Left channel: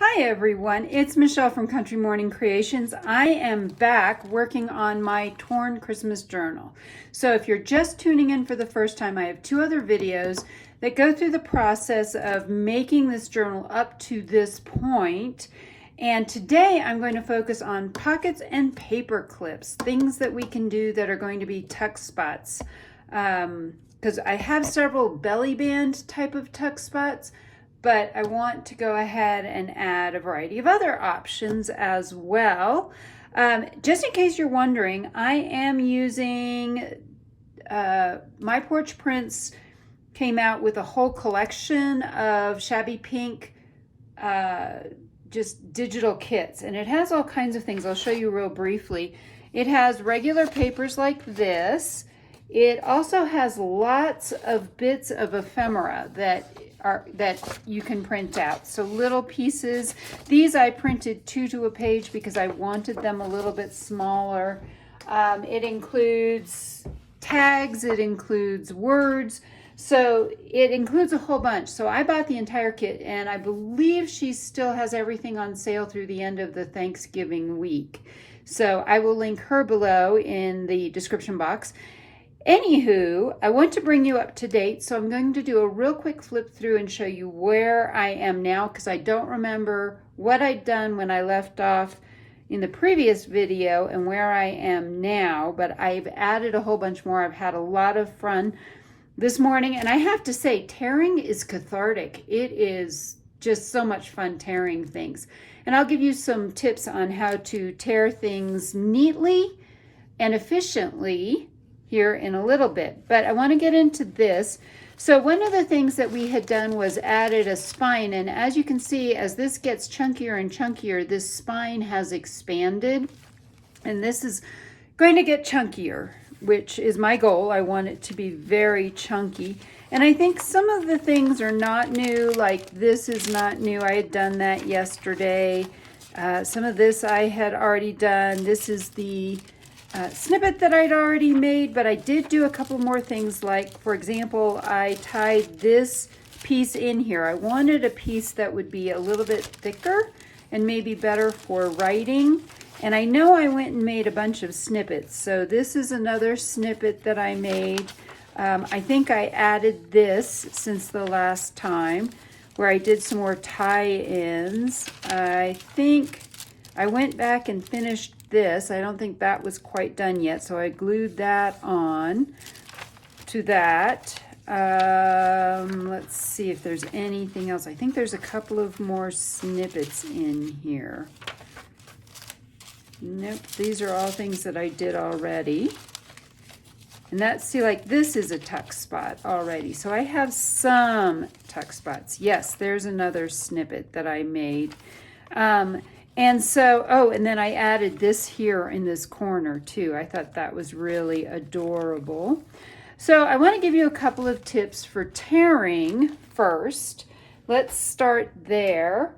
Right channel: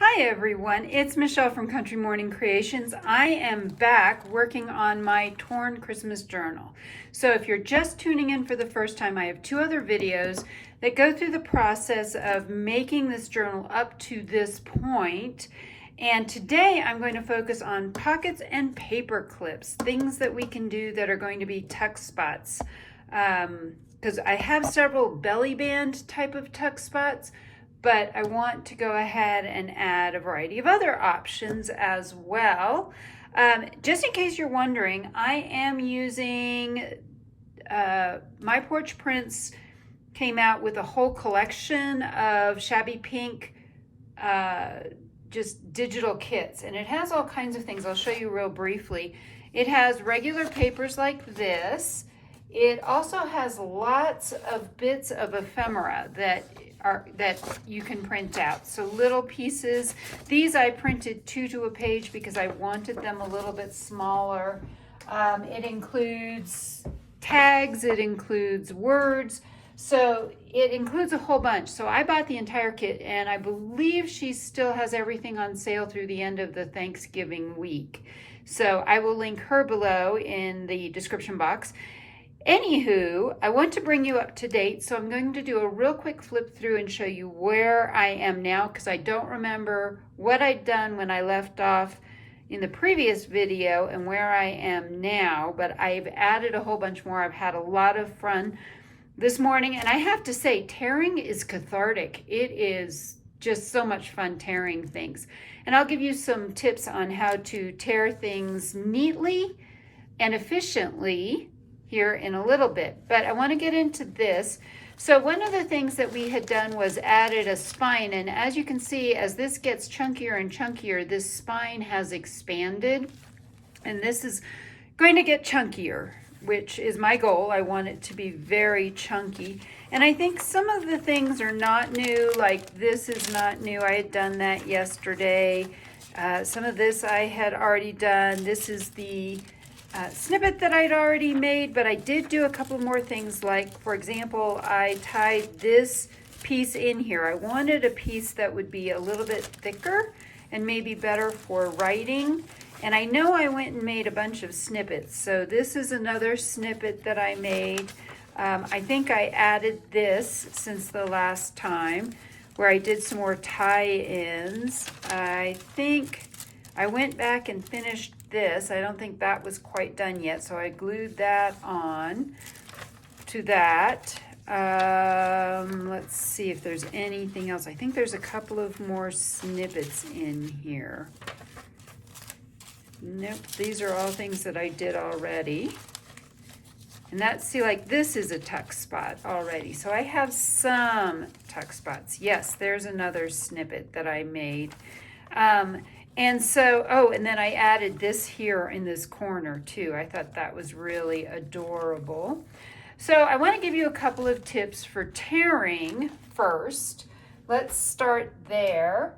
Hi everyone, it's Michelle from Country Morning Creations. I am back working on my torn Christmas journal. So if you're just tuning in for the first time, I have two other videos that go through the process of making this journal up to this point. And today I'm going to focus on pockets and paper clips, things that we can do that are going to be tuck spots. Because I have several belly band type of tuck spots, but I want to go ahead and add a variety of other options as well. Just in case you're wondering, I am using My Porch Prints came out with a whole collection of shabby pink just digital kits, and it has all kinds of things. I'll show you real briefly. It has regular papers like this. It also has lots of bits of ephemera that you can print out. So little pieces. These I printed 2 to a page because I wanted them a little bit smaller. It includes tags, it includes words, so it includes a whole bunch. So I bought the entire kit, and I believe she still has everything on sale through the end of the Thanksgiving week. So I will link her below in the description box. Anywho, I want to bring you up to date, so I'm going to do a real quick flip through and show you where I am now, because I don't remember what I'd done when I left off in the previous video and where I am now, but I've added a whole bunch more. I've had a lot of fun this morning, and I have to say, tearing is cathartic. It is just so much fun tearing things. And I'll give you some tips on how to tear things neatly and efficiently here in a little bit, but I want to get into this. So one of the things that we had done was added a spine, and as you can see, as this gets chunkier and chunkier, this spine has expanded, and this is going to get chunkier, which is my goal. I want it to be very chunky, and I think some of the things are not new, like this is not new. I had done that yesterday. Some of this I had already done. This is the snippet that I'd already made, but I did do a couple more things, like for example, I tied this piece in here. I wanted a piece that would be a little bit thicker and maybe better for writing, and I know I went and made a bunch of snippets. So this is another snippet that I made. I think I added this since the last time, where I did some more tie-ins. I think I went back and finished this. I don't think that was quite done yet, so I glued that on to that. Let's see if there's anything else. I think there's a couple of more snippets in here. Nope, these are all things that I did already. And that's, see, like this is a tuck spot already. So I have some tuck spots. Yes, there's another snippet that I made. And so, oh, and then I added this here in this corner too. I thought that was really adorable. So I want to give you a couple of tips for tearing first. Let's start there.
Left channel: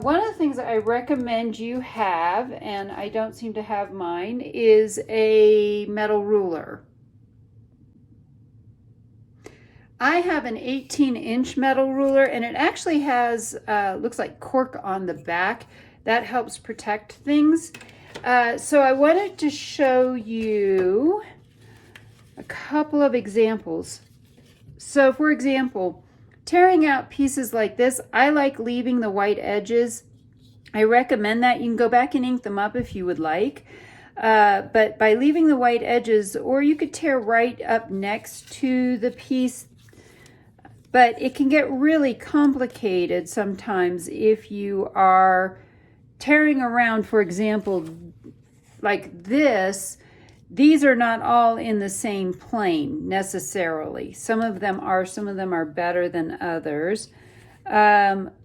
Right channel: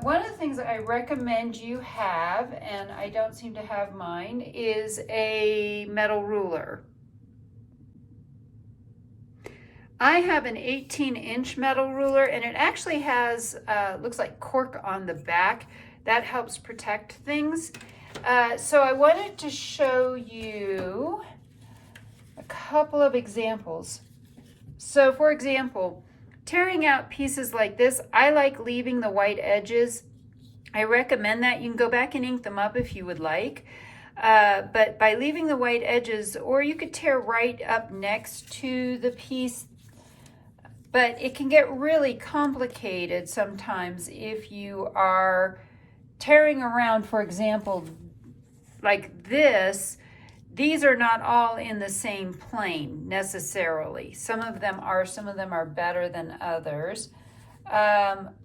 One of the things I recommend you have, and I don't seem to have mine, is a metal ruler. I have an 18-inch metal ruler, and it actually has, looks like cork on the back. That helps protect things. So I wanted to show you a couple of examples. So for example, tearing out pieces like this, I like leaving the white edges. I recommend that. You can go back and ink them up if you would like. But by leaving the white edges, or you could tear right up next to the piece, but it can get really complicated sometimes if you are tearing around. For example, like this, these are not all in the same plane necessarily. Some of them are better than others.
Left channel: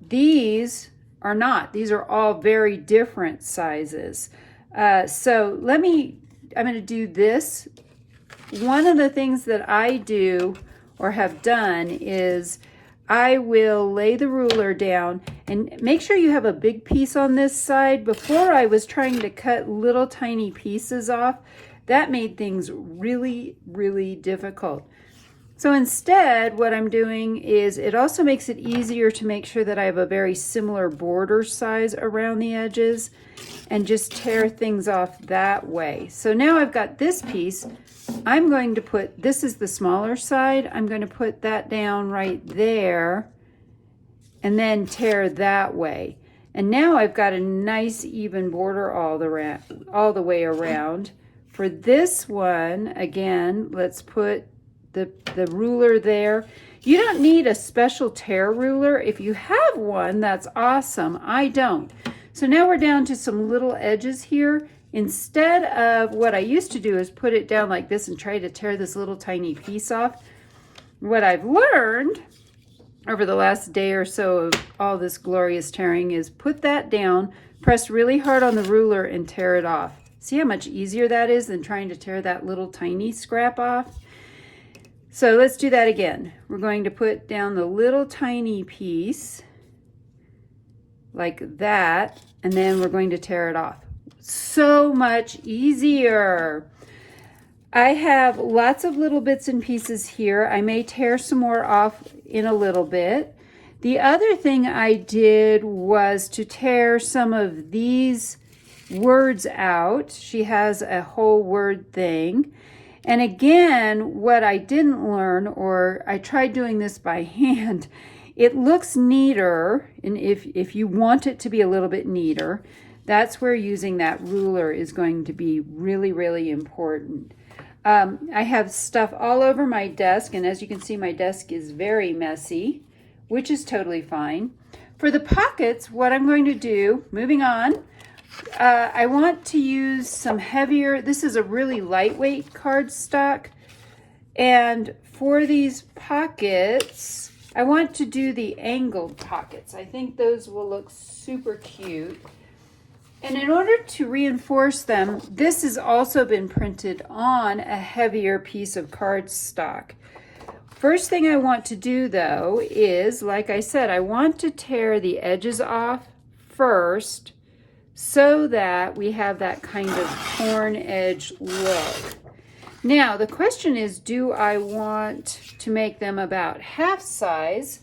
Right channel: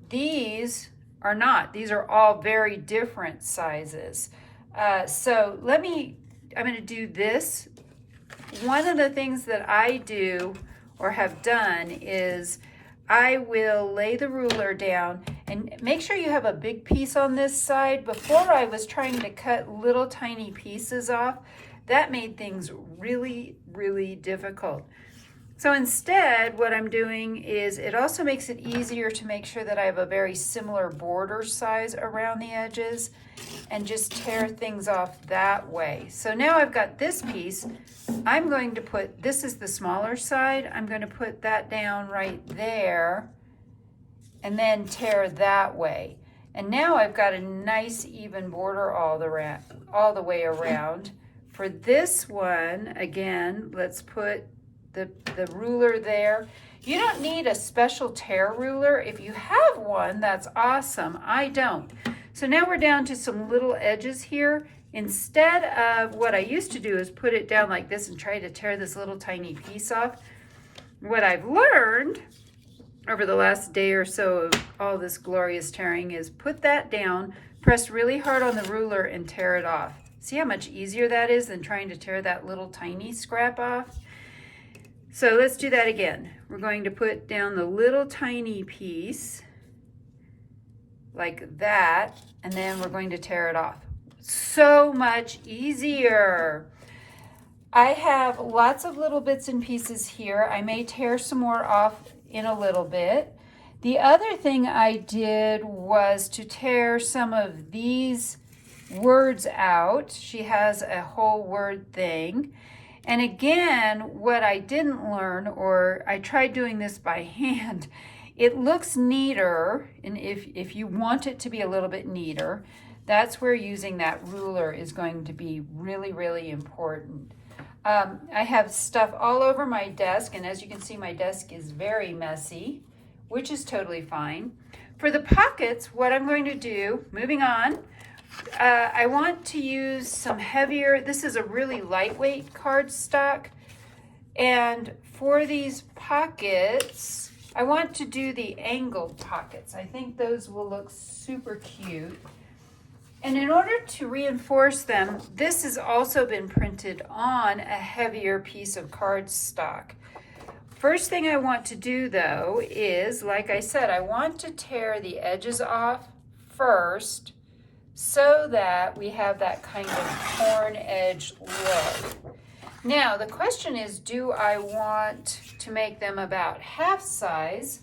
These are not. These are all very different sizes. So I'm going to do this. One of the things that I do or have done is I will lay the ruler down and make sure you have a big piece on this side. Before, I was trying to cut little tiny pieces off. That made things really, really difficult. So instead, what I'm doing is it also makes it easier to make sure that I have a very similar border size around the edges and just tear things off that way. So now I've got this piece. I'm going to put, this is the smaller side, I'm going to put that down right there and then tear that way. And now I've got a nice even border all the way around. For this one, again, let's put the ruler there. You don't need a special tear ruler. If you have one, that's awesome. I don't. So now we're down to some little edges here. Instead of what I used to do is put it down like this and try to tear this little tiny piece off. What I've learned over the last day or so of all this glorious tearing is put that down, press really hard on the ruler and tear it off. See how much easier that is than trying to tear that little tiny scrap off? So let's do that again. We're going to put down the little tiny piece like that, and then we're going to tear it off. So much easier. I have lots of little bits and pieces here. I may tear some more off in a little bit. The other thing I did was to tear some of these words out. She has a whole word thing. And again, what I didn't learn, or I tried doing this by hand, it looks neater, and if you want it to be a little bit neater, that's where using that ruler is going to be really, really important. I have stuff all over my desk, and as you can see, my desk is very messy, which is totally fine. For the pockets, what I'm going to do, moving on, I want to use some heavier, this is a really lightweight cardstock, and for these pockets, I want to do the angled pockets. I think those will look super cute. And in order to reinforce them, this has also been printed on a heavier piece of cardstock. First thing I want to do though is, like I said, I want to tear the edges off first so that we have that kind of torn edge look. Now the question is, do I want to make them about half size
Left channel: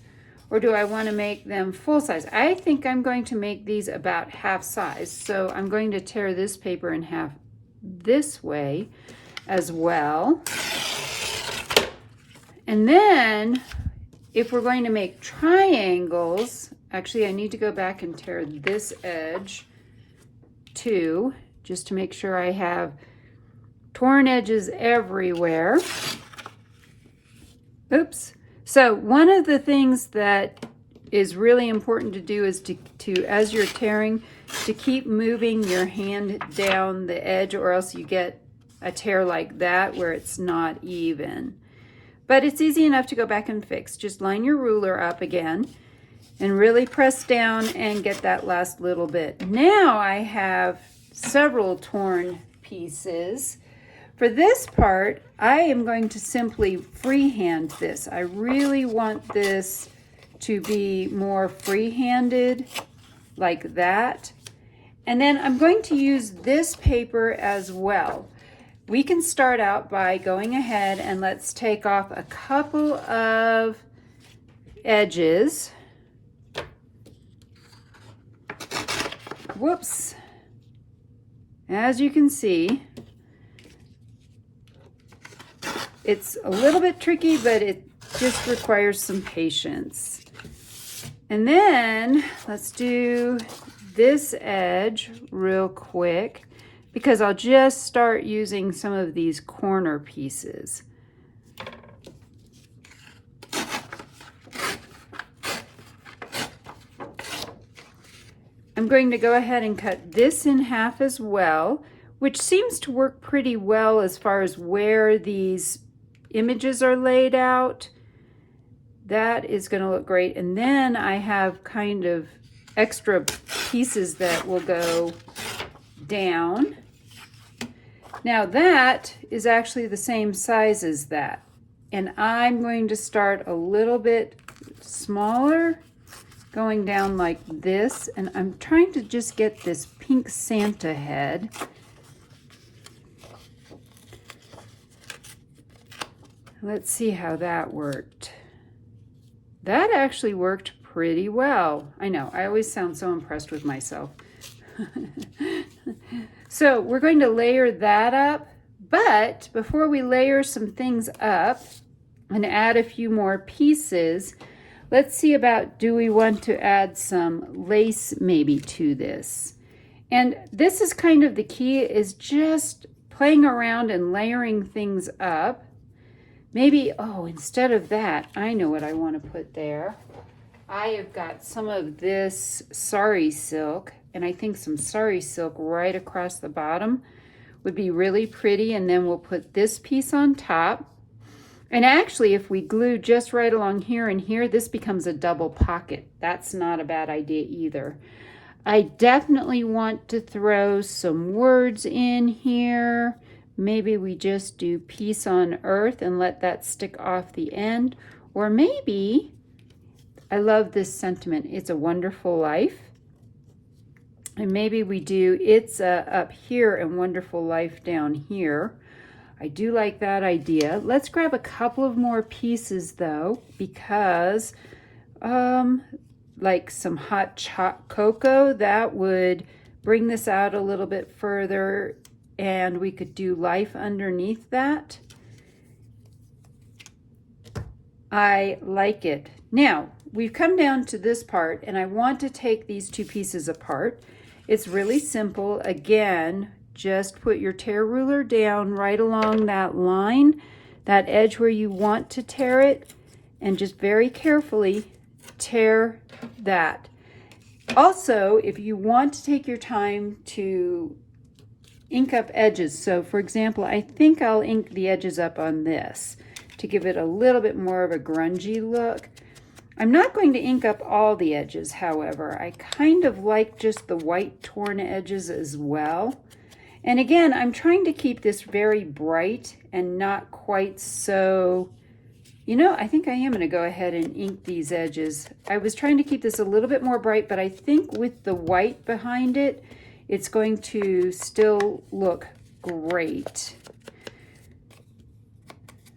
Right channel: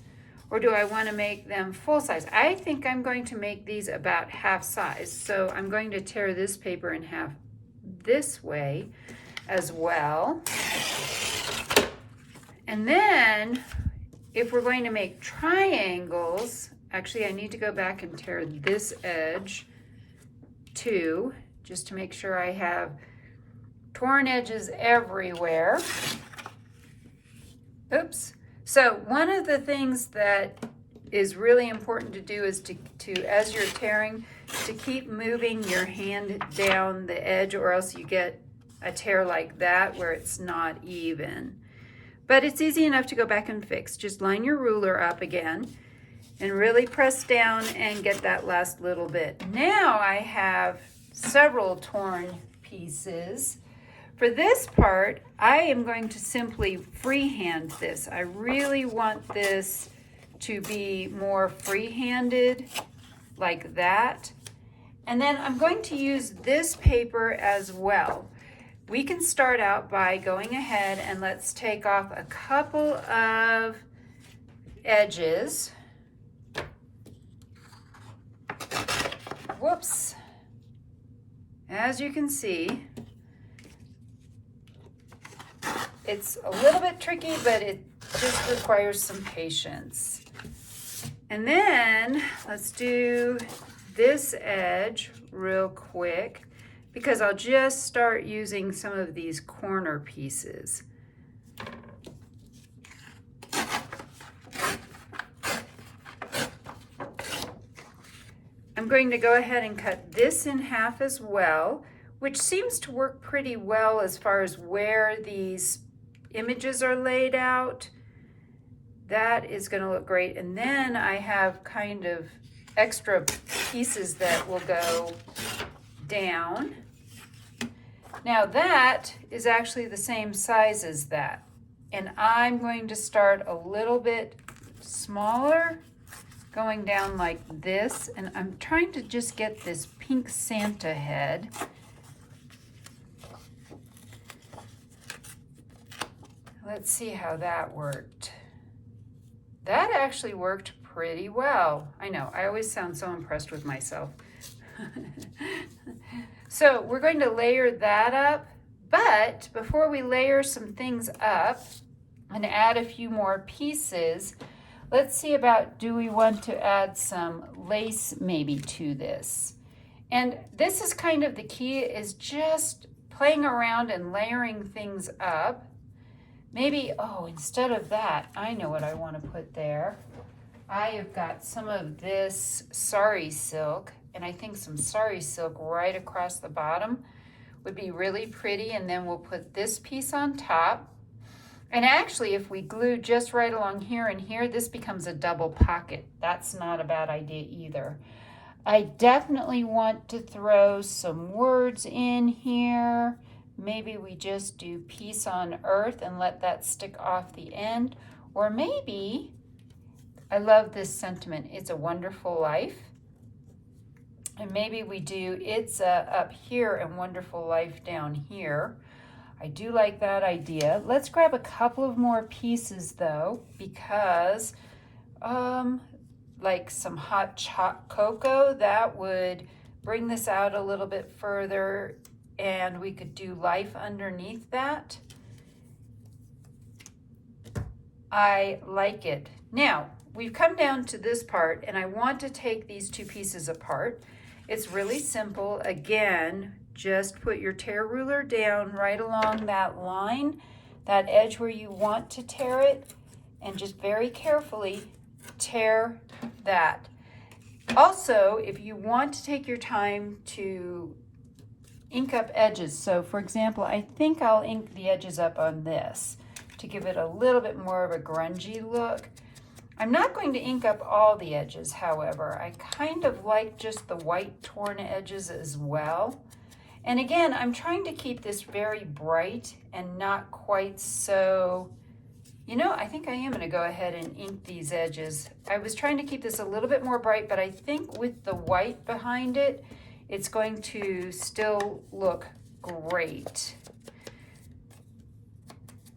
or do I want to make them full size? I think I'm going to make these about half size. So I'm going to tear this paper in half this way as well. And then if we're going to make triangles, actually I need to go back and tear this edge too, just to make sure I have torn edges everywhere. Oops. So one of the things that is really important to do is to as you're tearing, to keep moving your hand down the edge, or else you get a tear like that where it's not even. But it's easy enough to go back and fix. Just line your ruler up again and really press down and get that last little bit. Now I have several torn pieces. For this part, I am going to simply freehand this. I really want this to be more free-handed, like that. And then I'm going to use this paper as well. We can start out by going ahead and let's take off a couple of edges. Whoops. As you can see, it's a little bit tricky, but it just requires some patience. And then let's do this edge real quick, because I'll just start using some of these corner pieces. I'm going to go ahead and cut this in half as well, which seems to work pretty well as far as where these images are laid out. That is going to look great. And then I have kind of extra pieces that will go down. Now that is actually the same size as that. And I'm going to start a little bit smaller, going down like this. And I'm trying to just get this pink Santa head. Let's see how that worked. That actually worked pretty well. I know, I always sound so impressed with myself. So we're going to layer that up, but before we layer some things up and add a few more pieces, let's see about, do we want to add some lace maybe to this? And this is kind of the key, is just playing around and layering things up. Maybe, oh, instead of that, I know what I want to put there. I have got some of this sari silk, and I think some sari silk right across the bottom would be really pretty, and then we'll put this piece on top. And actually, if we glue just right along here and here, this becomes a double pocket. That's not a bad idea either. I definitely want to throw some words in here. Maybe we just do peace on earth and let that stick off the end. Or maybe, I love this sentiment, it's a wonderful life. And maybe we do it's up here and wonderful life down here. I do like that idea. Let's grab a couple of more pieces though, because like some hot cocoa, that would bring this out a little bit further, and we could do life underneath that. I like it. Now, we've come down to this part, and I want to take these two pieces apart. It's really simple. Again, just put your tear ruler down right along that line, that edge where you want to tear it, and just very carefully tear that. Also, if you want to take your time to ink up edges, so for example, I think I'll ink the edges up on this to give it a little bit more of a grungy look. I'm not going to ink up all the edges, however. I kind of like just the white torn edges as well. And again, I'm trying to keep this very bright and not quite so, you know, I think I am going to go ahead and ink these edges. I was trying to keep this a little bit more bright, but I think with the white behind it, it's going to still look great.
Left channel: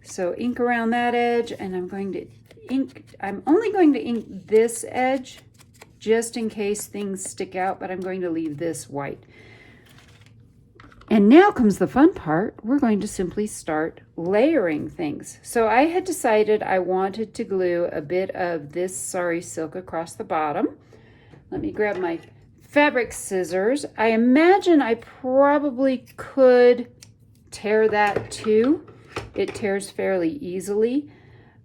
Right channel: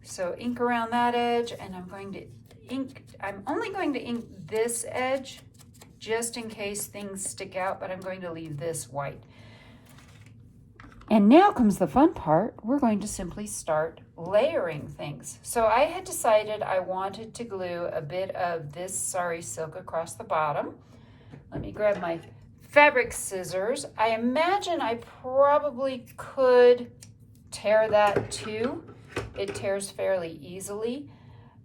So ink around that edge, and I'm going to ink, I'm only going to ink this edge just in case things stick out, but I'm going to leave this white. And now comes the fun part. We're going to simply start layering things. So I had decided I wanted to glue a bit of this sari silk across the bottom. Let me grab my fabric scissors. I imagine I probably could tear that too. It tears fairly easily,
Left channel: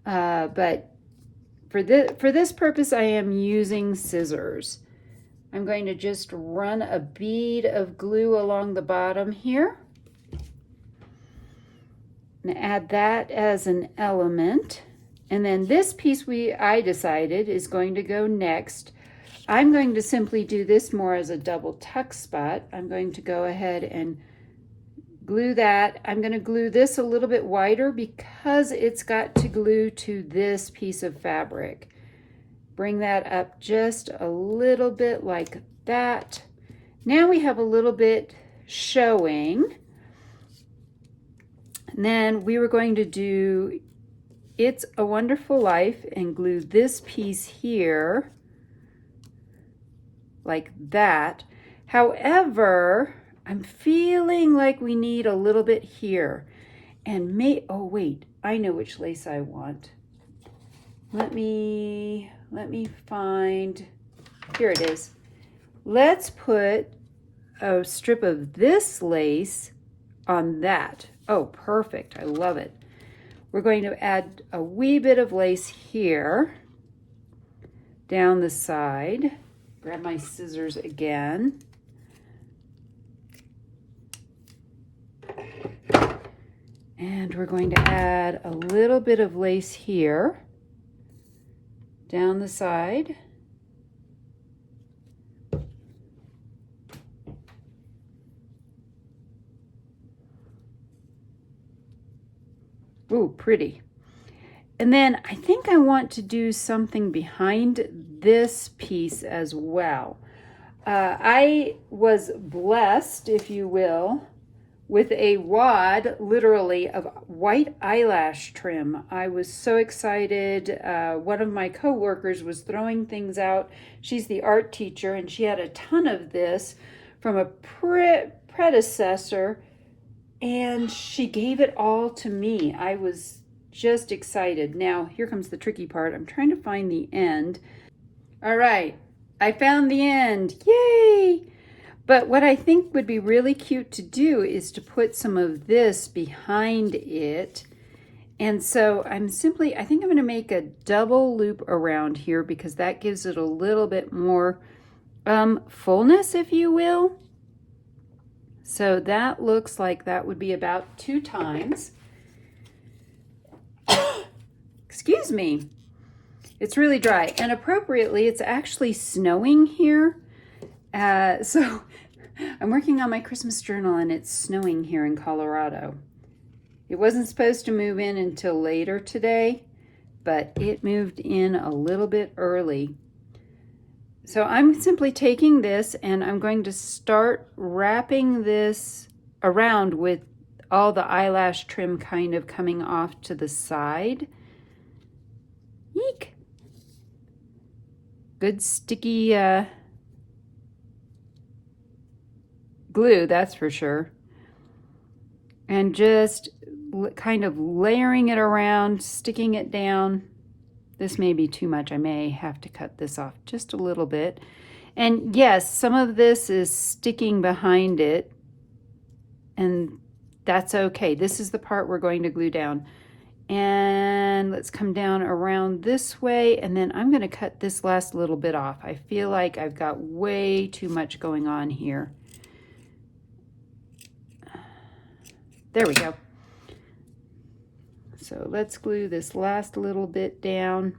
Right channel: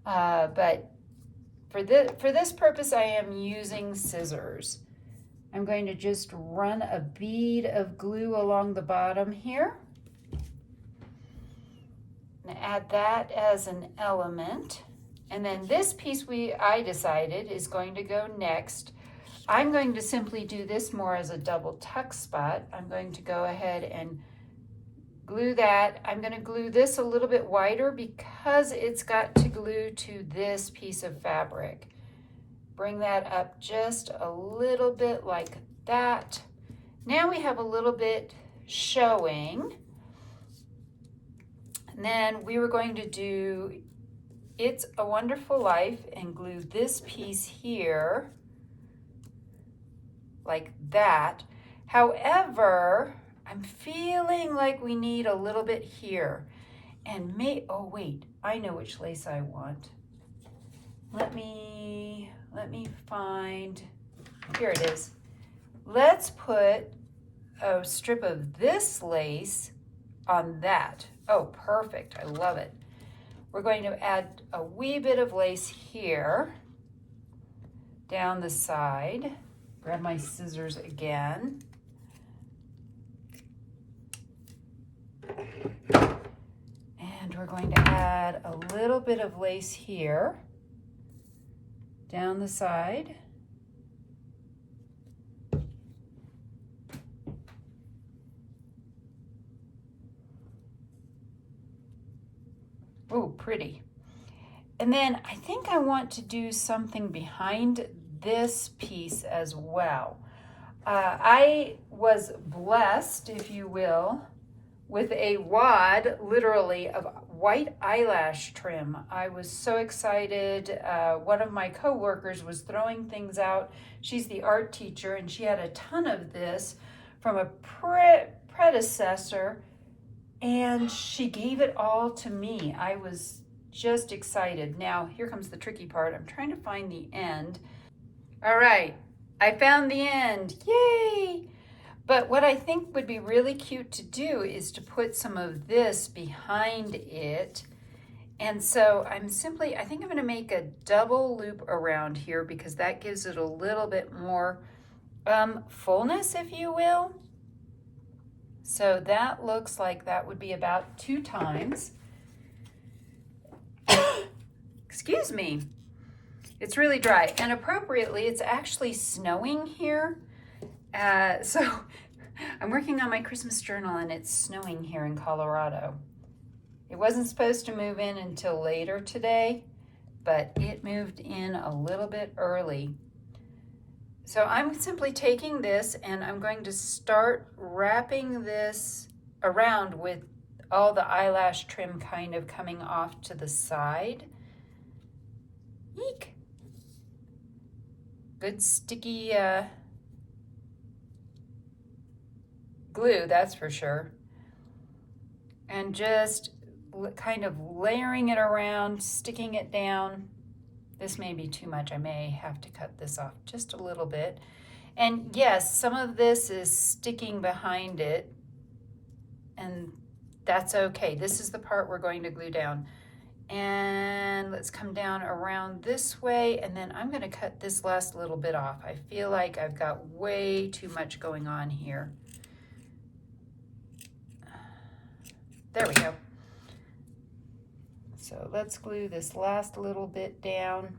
but for this purpose, I am using scissors. I'm going to just run a bead of glue along the bottom here and add that as an element. And then this piece I decided is going to go next. I'm going to simply do this more as a double tuck spot. I'm going to go ahead and glue that. I'm going to glue this a little bit wider because it's got to glue to this piece of fabric. Bring that up just a little bit like that. Now we have a little bit showing. And then we were going to do It's a Wonderful Life and glue this piece here like that. However, I'm feeling like we need a little bit here. And oh wait, I know which lace I want. Let me find, here it is. Let's put a strip of this lace on that. Oh, perfect, I love it. We're going to add a wee bit of lace here, down the side. Grab my scissors again. And we're going to add a little bit of lace here, down the side. Ooh, pretty. And then I think I want to do something behind this piece as well. I was blessed, if you will, with a wad, literally, of white eyelash trim. I was so excited. One of my coworkers was throwing things out. She's the art teacher, and she had a ton of this from a predecessor, and she gave it all to me. I was just excited. Now, here comes the tricky part. I'm trying to find the end. All right, I found the end. Yay! But what I think would be really cute to do is to put some of this behind it. And so I think I'm going to make a double loop around here because that gives it a little bit more fullness, if you will. So that looks like that would be about 2 times. Excuse me. It's really dry, and appropriately, it's actually snowing here. So I'm working on my Christmas journal, and it's snowing here in Colorado. It wasn't supposed to move in until later today, but it moved in a little bit early. So I'm simply taking this, and I'm going to start wrapping this around with all the eyelash trim kind of coming off to the side. Eek! Good sticky glue, that's for sure. And just kind of layering it around, sticking it down. This may be too much. I may have to cut this off just a little bit. And yes, some of this is sticking behind it, and that's okay. This is the part we're going to glue down. And let's come down around this way, and then I'm going to cut this last little bit off. I feel like I've got way too much going on here. There we go. So let's glue this last little bit down.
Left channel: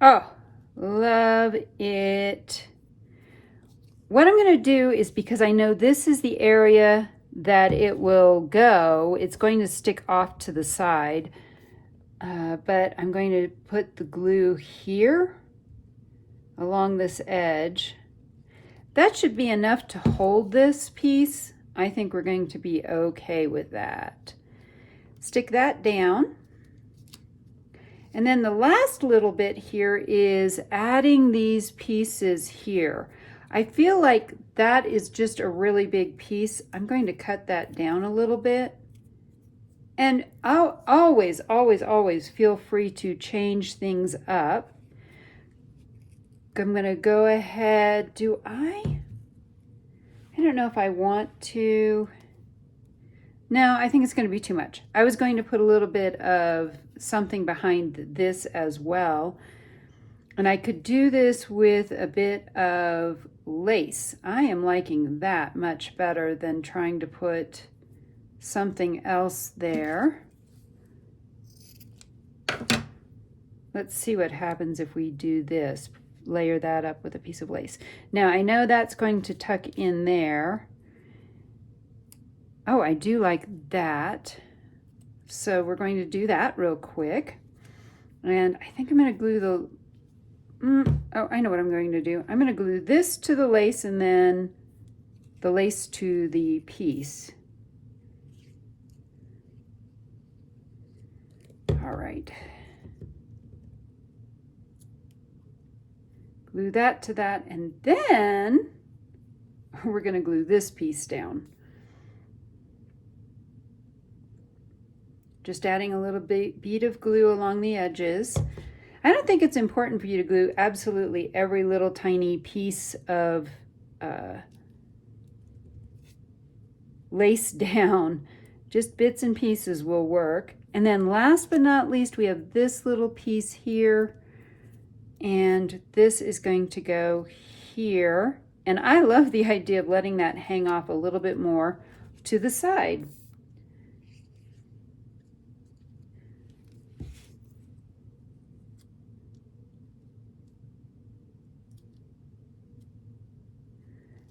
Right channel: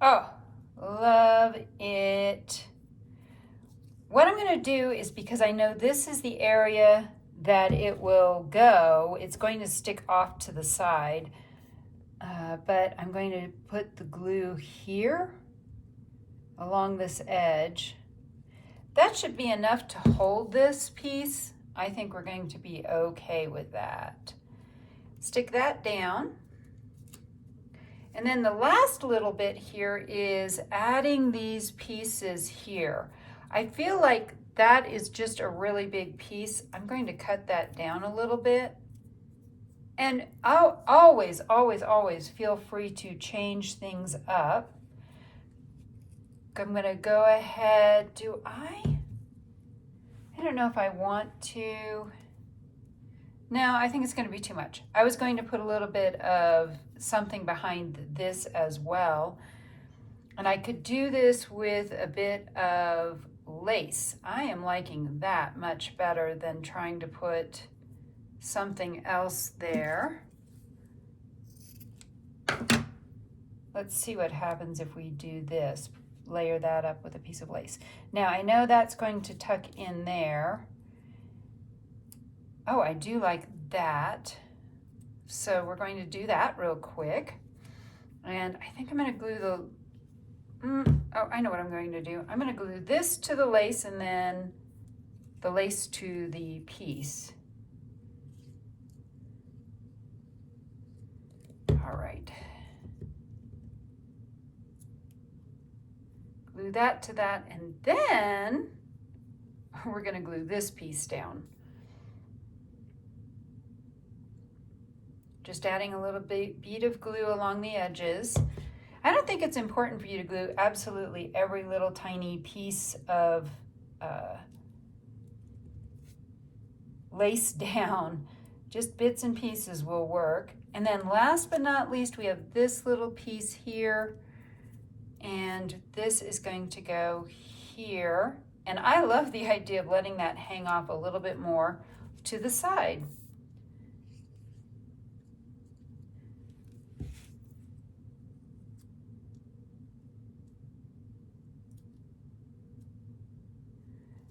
Oh, love it. What I'm going to do is, because I know this is the area that it will go, it's going to stick off to the side, but I'm going to put the glue here along this edge. That should be enough to hold this piece. I think we're going to be okay with that. Stick that down. And then the last little bit here is adding these pieces here. I feel like that is just a really big piece. I'm going to cut that down a little bit. And I'll always feel free to change things up. I'm going to go ahead. I don't know if I want to. No, I think it's going to be too much. I was going to put a little bit of something behind this as well. And I could do this with a bit of lace. I am liking that much better than trying to put something else there. Let's see what happens if we do this. Layer that up with a piece of lace. Now I know that's going to tuck in there. Oh, I do like that. So we're going to do that real quick. And I think I'm going to glue oh, I know what I'm going to do. I'm going to glue this to the lace and then the lace to the piece. All right. Glue that to that, and then we're going to glue this piece down. Just adding a little bead of glue along the edges. I don't think it's important for you to glue absolutely every little tiny piece of lace down. Just bits and pieces will work. And then last but not least, we have this little piece here. And this is going to go here. And I love the idea of letting that hang off a little bit more to the side.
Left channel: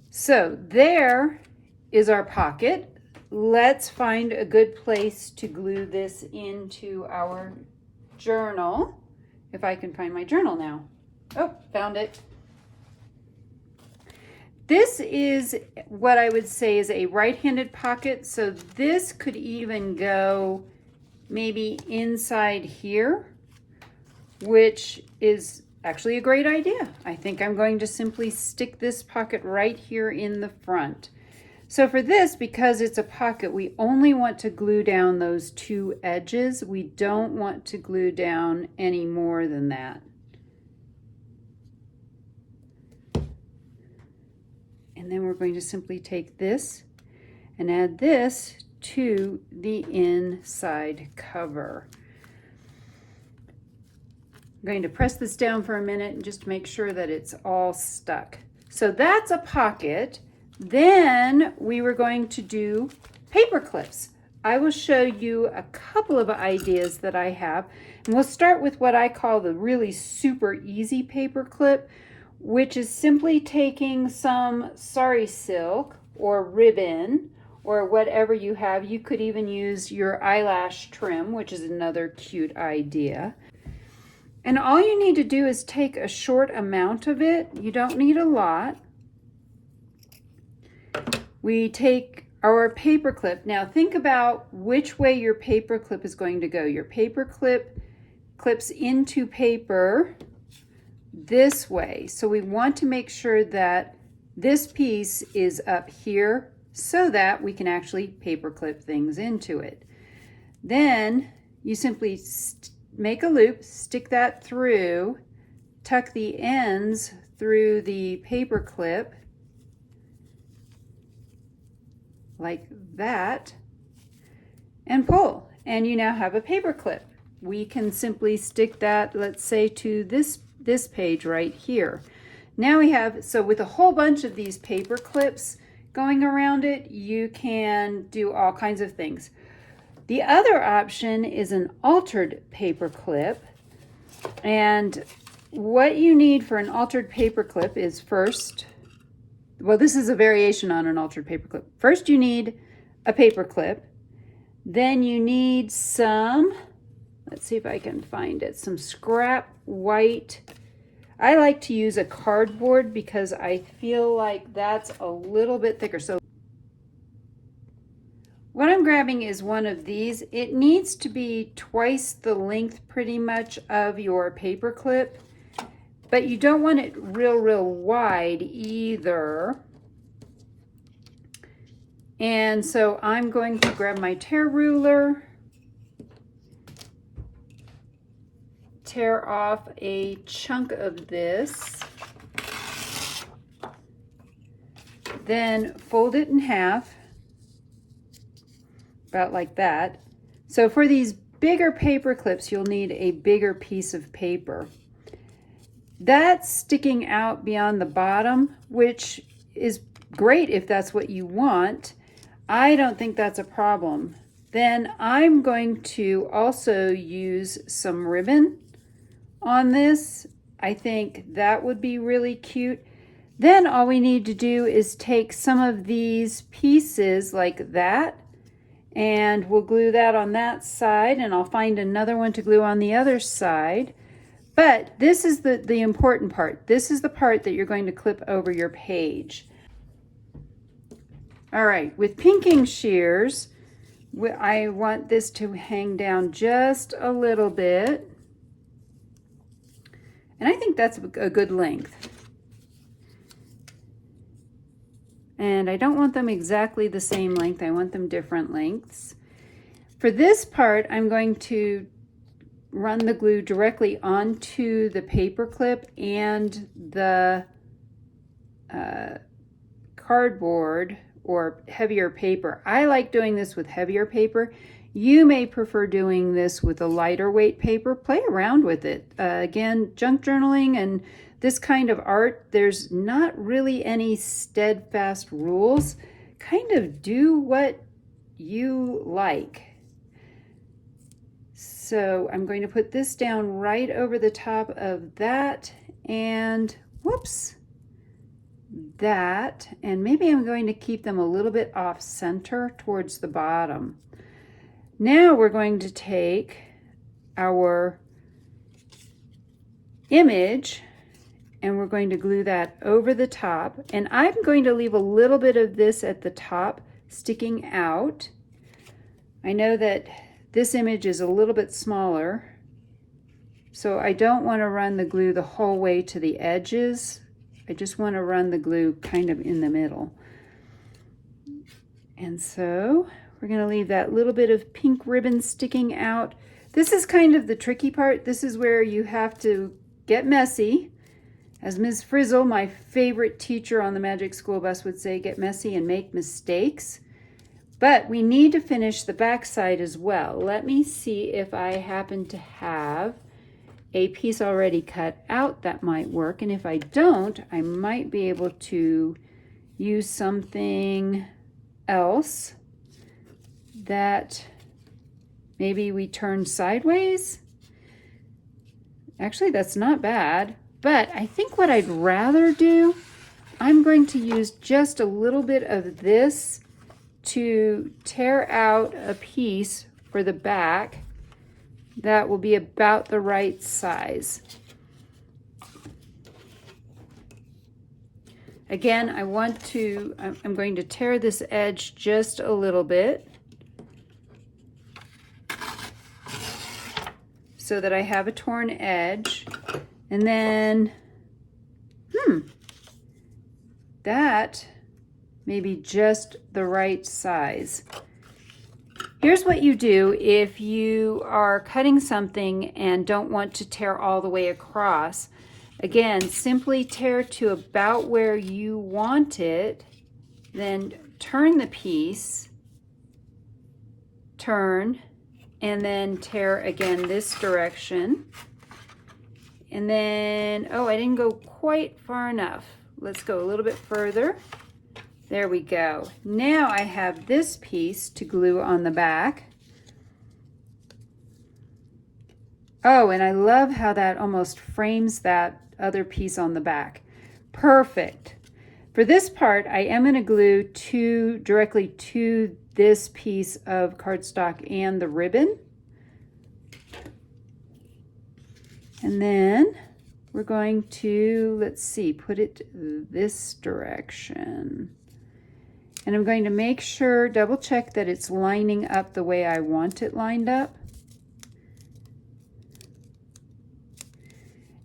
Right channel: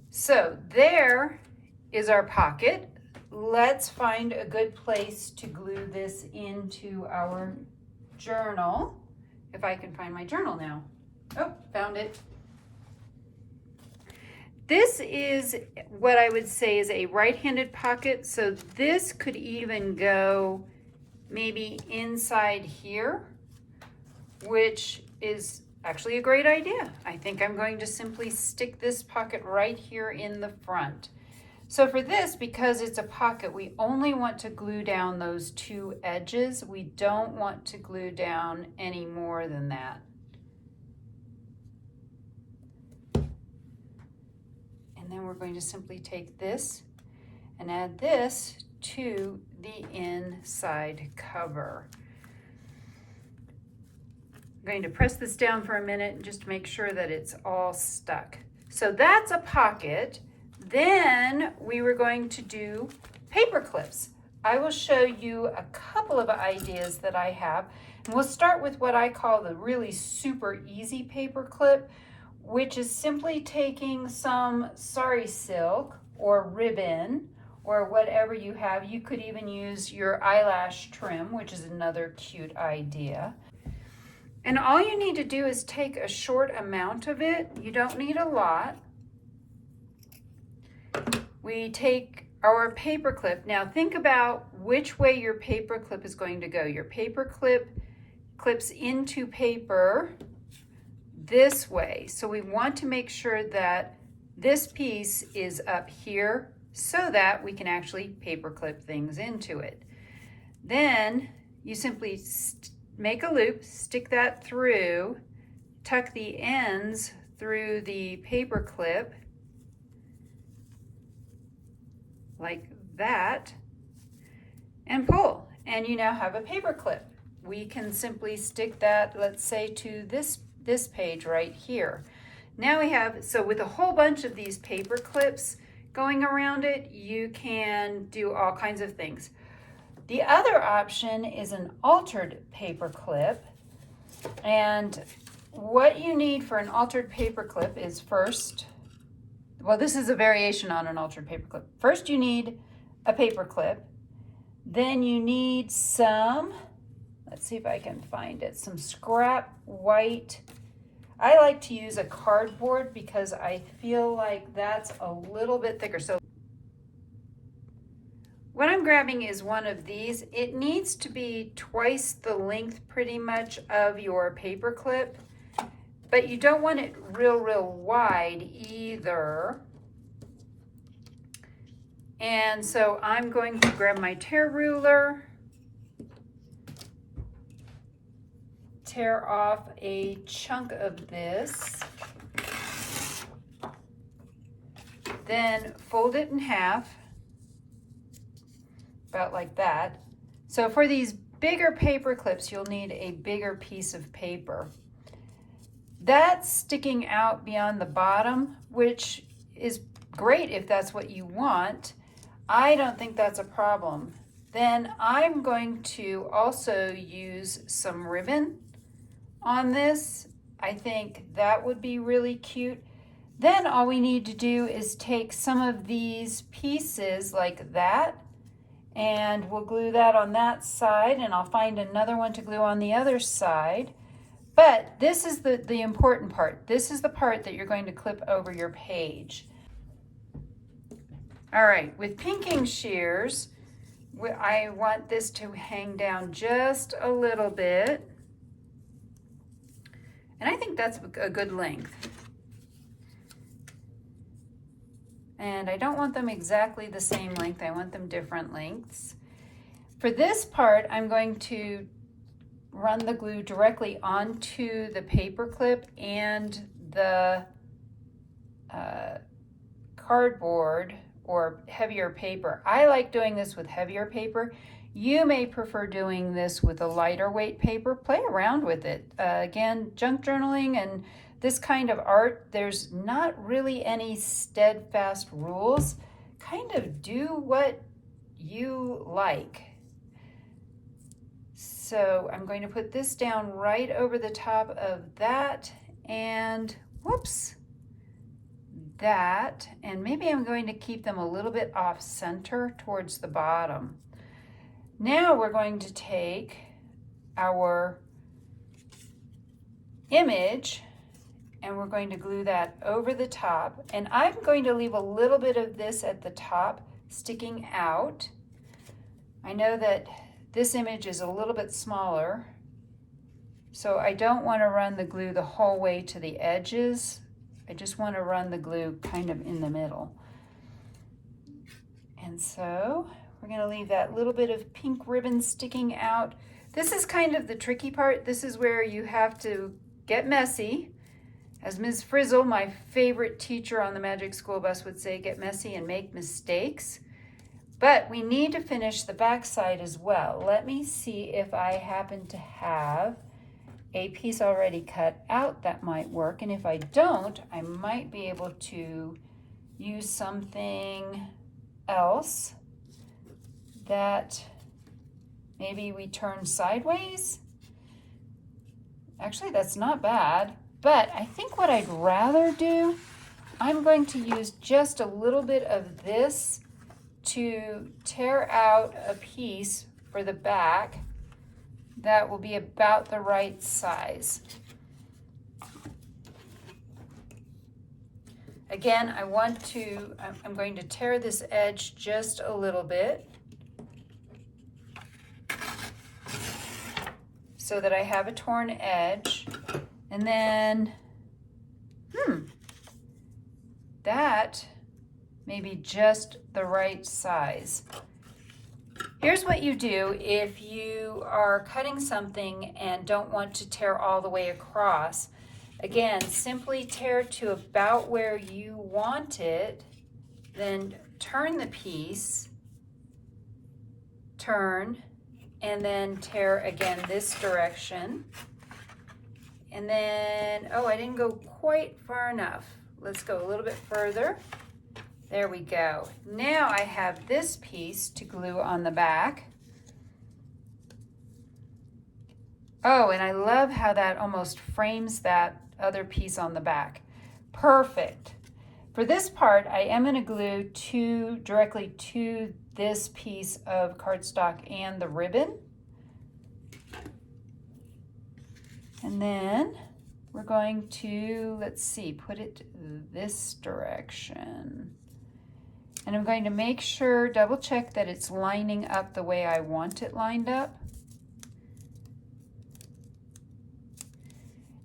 So there is our pocket. Let's find a good place to glue this into our journal. If I can find my journal now. Oh, found it. This is what I would say is a right-handed pocket, so this could even go maybe inside here, which is actually a great idea. I think I'm going to simply stick this pocket right here in the front. So for this, because it's a pocket, we only want to glue down those two edges. We don't want to glue down any more than that. And then we're going to simply take this and add this to the inside cover. I'm going to press this down for a minute and just make sure that it's all stuck. So that's a pocket. Then we were going to do paper clips. I will show you a couple of ideas that I have. And we'll start with what I call the really super easy paper clip, which is simply taking some sari silk or ribbon or whatever you have. You could even use your eyelash trim, which is another cute idea. And all you need to do is take a short amount of it. You don't need a lot. We take our paper clip. Now think about which way your paper clip is going to go. Your paper clip clips into paper this way. So we want to make sure that this piece is up here so that we can actually paper clip things into it. Then you simply make a loop, stick that through, tuck the ends through the paper clip like that, and pull, and you now have a paper clip. We can simply stick that, let's say, to this page right here. Now we have, so with a whole bunch of these paper clips going around it, you can do all kinds of things. The other option is an altered paper clip, and what you need for an altered paper clip is first, well, this is a variation on an altered paper clip. First you need a paper clip, then you need some, let's see if I can find it, some scrap white. I like to use a cardboard because I feel like that's a little bit thicker. So what I'm grabbing is one of these. It needs to be twice the length pretty much of your paper clip, but you don't want it real wide either. And so I'm going to grab my tear ruler, tear off a chunk of this, then fold it in half, about like that. So for these bigger paper clips, you'll need a bigger piece of paper. That's sticking out beyond the bottom, which is great if that's what you want. I don't think that's a problem. Then I'm going to also use some ribbon on this. I think that would be really cute. Then all we need to do is take some of these pieces like that, and we'll glue that on that side, and I'll find another one to glue on the other side. But this is the important part. This is the part that you're going to clip over your page. All right, with pinking shears, I want this to hang down just a little bit. And I think that's a good length. And I don't want them exactly the same length. I want them different lengths. For this part, I'm going to run the glue directly onto the paper clip and the cardboard or heavier paper. I like doing this with heavier paper. You may prefer doing this with a lighter weight paper. Play around with it. Again, junk journaling and this kind of art, there's not really any steadfast rules. Kind of do what you like. So I'm going to put this down right over the top of that, and whoops, that, and maybe I'm going to keep them a little bit off center towards the bottom. Now we're going to take our image and we're going to glue that over the top. And I'm going to leave a little bit of this at the top sticking out. I know that this image is a little bit smaller, so I don't want to run the glue the whole way to the edges. I just want to run the glue kind of in the middle. And so we're going to leave that little bit of pink ribbon sticking out. This is kind of the tricky part. This is where you have to get messy. As Ms. Frizzle, my favorite teacher on the Magic School Bus, would say, get messy and make mistakes. But we need to finish the back side as well. Let me see if I happen to have a piece already cut out that might work. And if I don't, I might be able to use something else that maybe we turn sideways. Actually, that's not bad. But I think what I'd rather do, I'm going to use just a little bit of this to tear out a piece for the back that will be about the right size. Again, I'm going to tear this edge just a little bit so that I have a torn edge. And then, that may be just the right size. Here's what you do if you are cutting something and don't want to tear all the way across. Again, simply tear to about where you want it, then turn the piece, turn, and then tear again this direction. And then, oh, I didn't go quite far enough. Let's go a little bit further. There we go. Now I have this piece to glue on the back. Oh, and I love how that almost frames that other piece on the back. Perfect. For this part, I am going to glue directly to this piece of cardstock and the ribbon. And then we're going to, let's see, put it this direction. And I'm going to make sure, double check that it's lining up the way I want it lined up.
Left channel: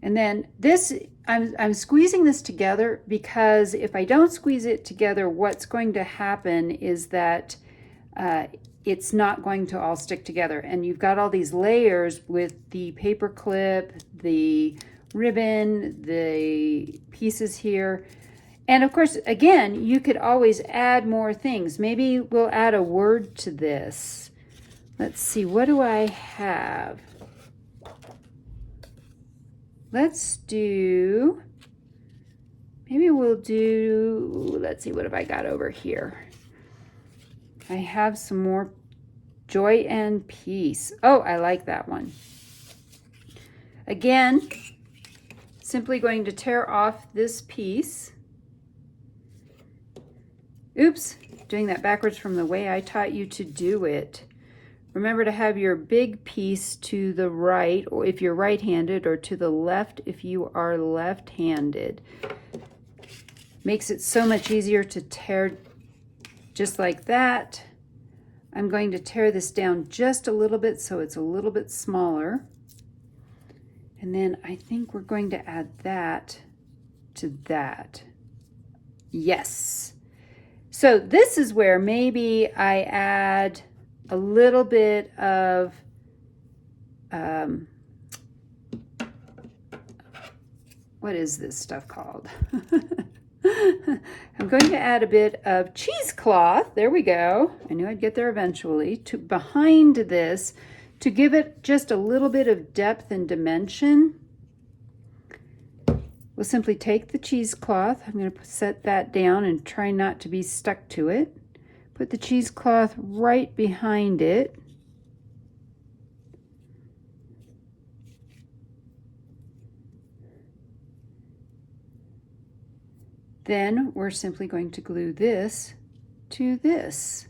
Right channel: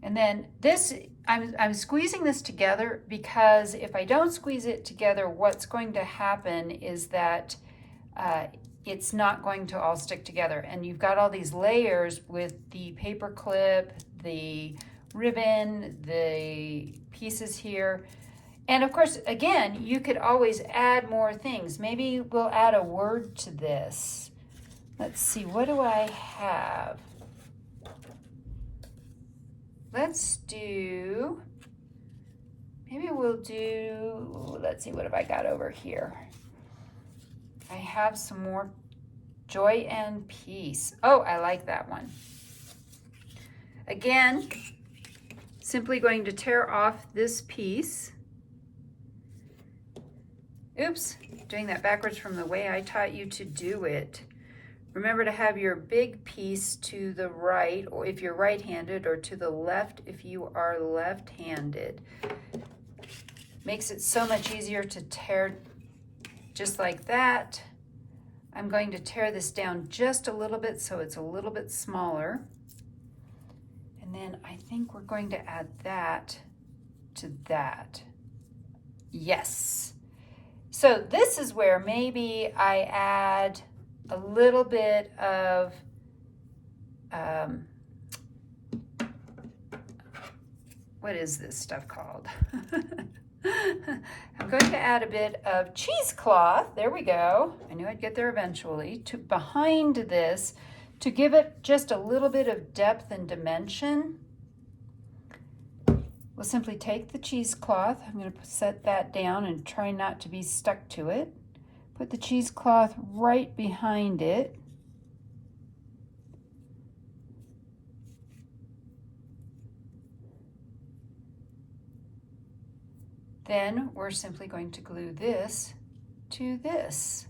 And then this, I'm squeezing this together because if I don't squeeze it together, what's going to happen is that it's not going to all stick together. And you've got all these layers with the paper clip, the ribbon, the pieces here. And of course, again, you could always add more things. Maybe we'll add a word to this. Let's see, what do I have? Let's do, maybe we'll do, let's see, what have I got over here? I have some more joy and peace. Oh, I like that one. Again, simply going to tear off this piece. Oops, doing that backwards from the way I taught you to do it. Remember to have your big piece to the right, or if you're right-handed, or to the left if you are left-handed. Makes it so much easier to tear just like that. I'm going to tear this down just a little bit so it's a little bit smaller. And then I think we're going to add that to that. Yes. So this is where maybe I add a little bit of what is this stuff called? I'm going to add a bit of cheesecloth. There we go. I knew I'd get there eventually. To behind this to give it just a little bit of depth and dimension. We'll simply take the cheesecloth. I'm going to set that down and try not to be stuck to it. Put the cheesecloth right behind it. Then we're simply going to glue this to this.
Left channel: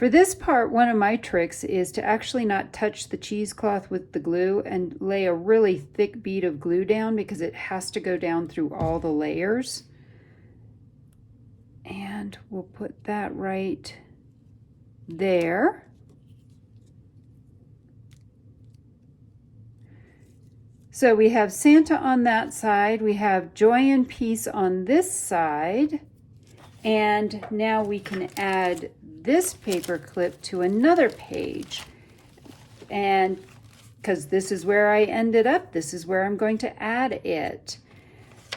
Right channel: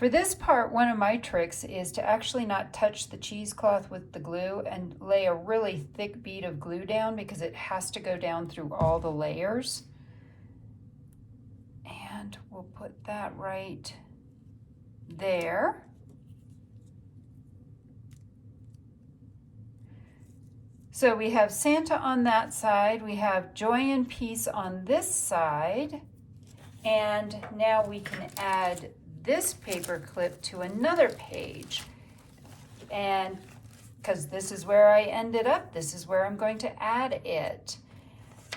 For this part, one of my tricks is to actually not touch the cheesecloth with the glue and lay a really thick bead of glue down, because it has to go down through all the layers. And we'll put that right there. So we have Santa on that side, we have Joy and Peace on this side, and now we can add this paper clip to another page. And because this is where I ended up, this is where I'm going to add it.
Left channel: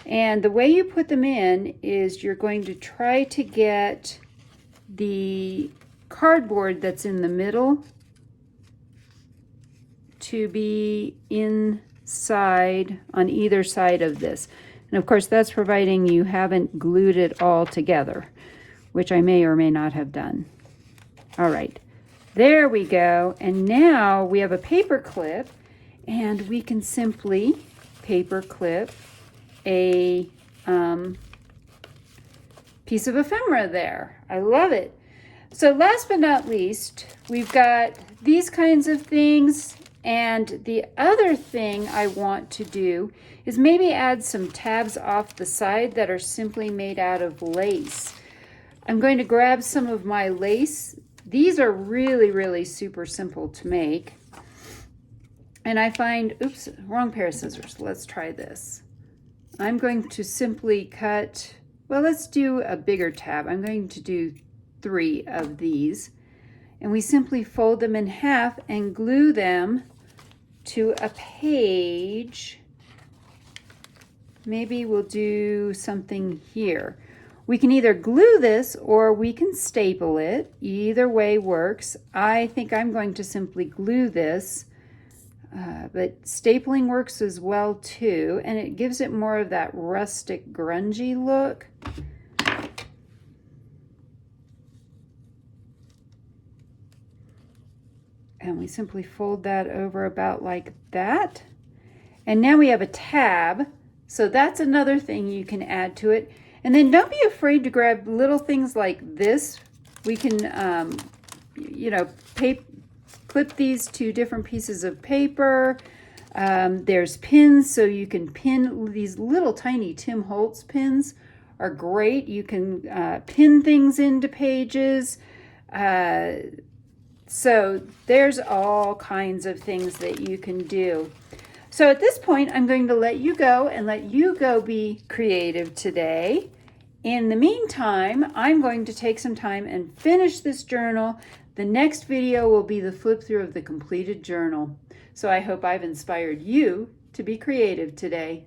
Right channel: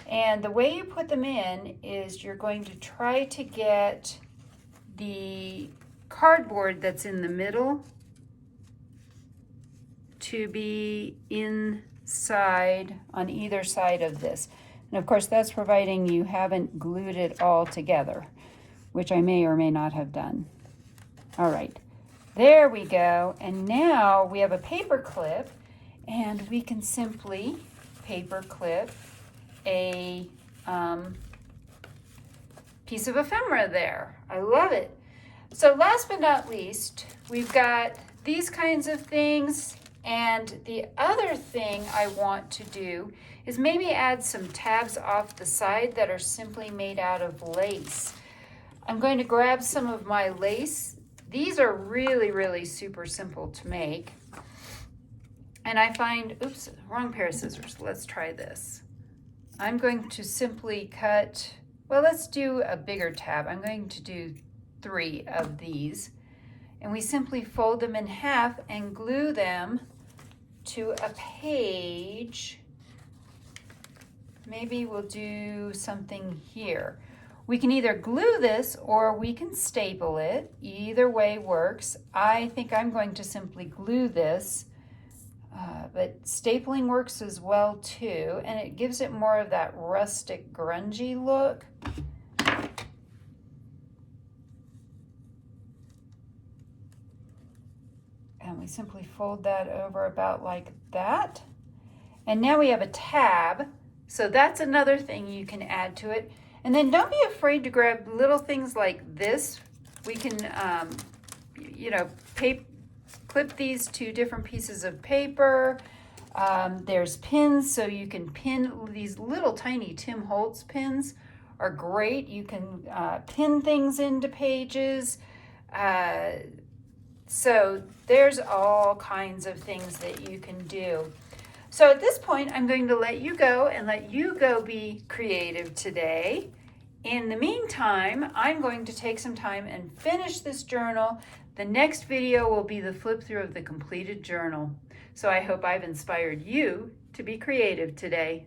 And the way you put them in is you're going to try to get the cardboard that's in the middle to be inside on either side of this. And of course, that's providing you haven't glued it all together, which I may or may not have done. All right, there we go. And now we have a paper clip, and we can simply paper clip a piece of ephemera there. I love it. So last but not least, we've got these kinds of things. And the other thing I want to do is maybe add some tabs off the side that are simply made out of lace. I'm going to grab some of my lace. These are really, really super simple to make. And I find, oops, wrong pair of scissors. Let's try this. I'm going to simply cut, well, let's do a bigger tab. I'm going to do 3 of these. And we simply fold them in half and glue them to a page. Maybe we'll do something here. We can either glue this or we can staple it. Either way works. I think I'm going to simply glue this, but stapling works as well too, and it gives it more of that rustic, grungy look. And we simply fold that over about like that. And now we have a tab. So that's another thing you can add to it. And then don't be afraid to grab little things like this. We can, you know, clip these to different pieces of paper. There's pins, so you can pin these little tiny Tim Holtz pins are great. You can pin things into pages. So there's all kinds of things that you can do. So at this point, I'm going to let you go and let you go be creative today. In the meantime, I'm going to take some time and finish this journal. The next video will be the flip through of the completed journal. So I hope I've inspired you to be creative today.